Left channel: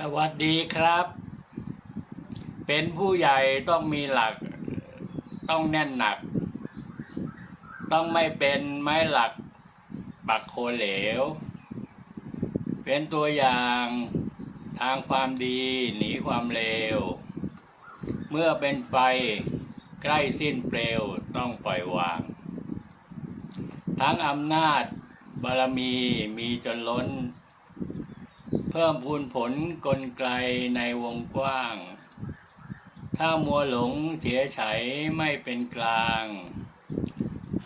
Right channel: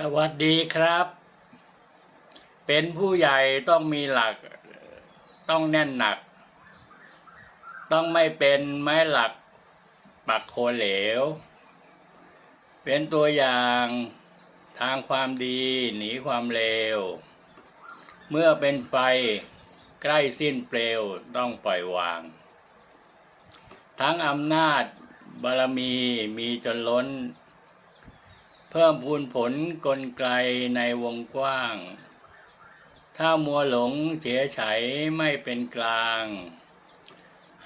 สวัสดีครับ เป็นผู้ใหญ่ต้องมีหลัก ต้องแน่นหนัก ต้องไม่เป็นไม้หลักปักโคเหลว เป็นตัวอย่างทางความดีหนีความเลว เมื่อเป็นไฟใกล้สิ้นเปลวต้องปล่อยวาง ทั้งอำนาจบารมีมีจนล้น เพิ่มพูนผลกลไกในวงกว้าง ถ้ามัวหลงเฉยไฉไม่เป็นกลาง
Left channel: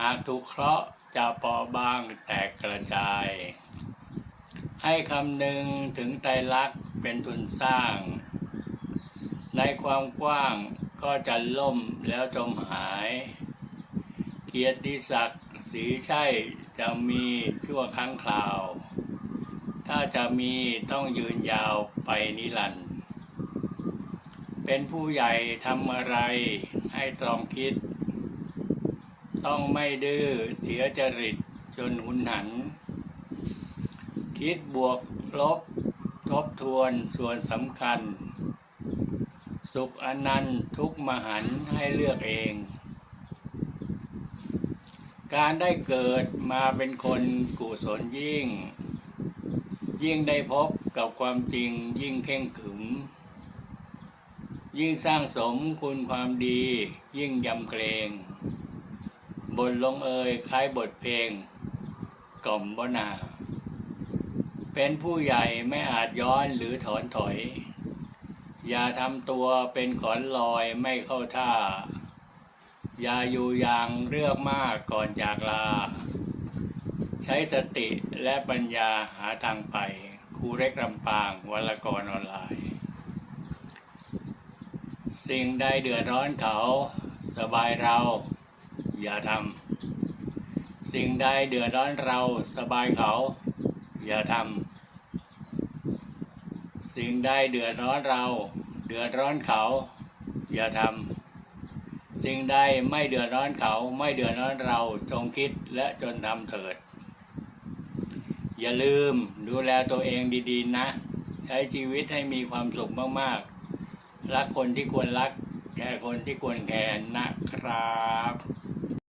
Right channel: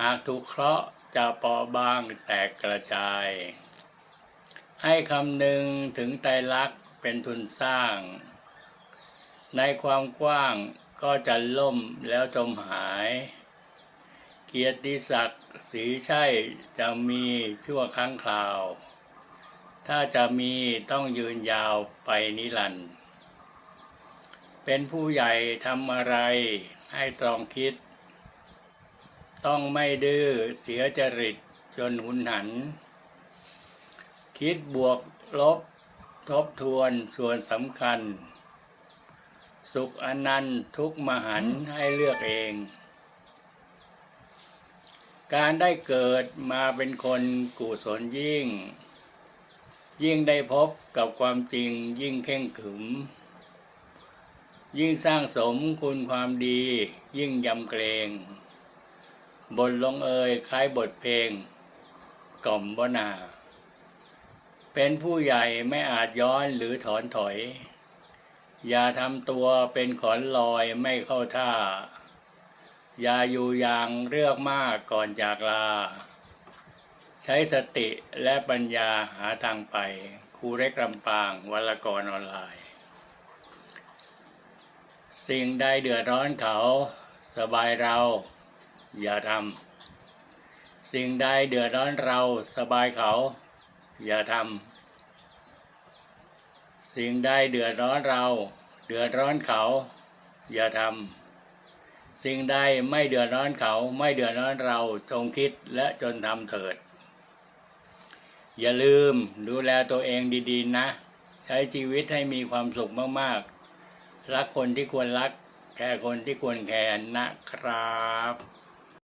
หากถูกเคราะห์จะเปาะบางแตกกระจาย ให้คำหนึ่งถึงไตรลักษณ์เป็นทุนสร้าง ในความกว้างก็จะล่มแล้วจมหาย เกียรติศักดิ์สีใช่จะมีชั่วครั้งคราว ถ้าจะมีต้องยืนยาวไปนิรันดร์เป็นผู้ใหญ่ทำอะไรให้ตรองคิด ต้องไม่ดื้อเสียจริตจนหุนหัน คิดบวกลบทบทวนส่วนสำคัญ สุขอนันต์ทุกมหันต์ให้เลือกเอง การได้เกิดมาเป็นคนกุศลยิ่ง ยิ่งได้พบกับความจริงยิ่งเข่งขึม ยิ่งสร้างสมคุณความดี ยิ่งยำเกรงบทลงเอยคล้ายบทเพลง กล่อมบนา เป็นผู้ใหญ่ไม่อาจย้อนหรือถอนถอย อย่าทำตัวเป็นขอนลอยไม่เข้าท่า อย่าอยู่อย่างเลือกมากก่อนจากลา ช้สติและปัญญาหาทางไปครูเล็กลำปางวลกรออนไลน์ สิ่งใดเดือดร้อนเขาสบายเราอย่าทำสิ่งใดเดือดร้อนเราสบายเขา อย่าทำสิ่งใดเดือดร้อนเรา เดือดร้อนเขา อย่าทำสิ่งใดไม่เดือดร้อนเขาไม่เดือดร้อนเราจงคิดและจนทำเถิด อย่าลืมดูแลตัวเองดีๆ นะ ใช้ชีวิตให้มีความสุขมากๆ รักคนที่ควรรัก แค่คนที่ควรแคร์นะครับ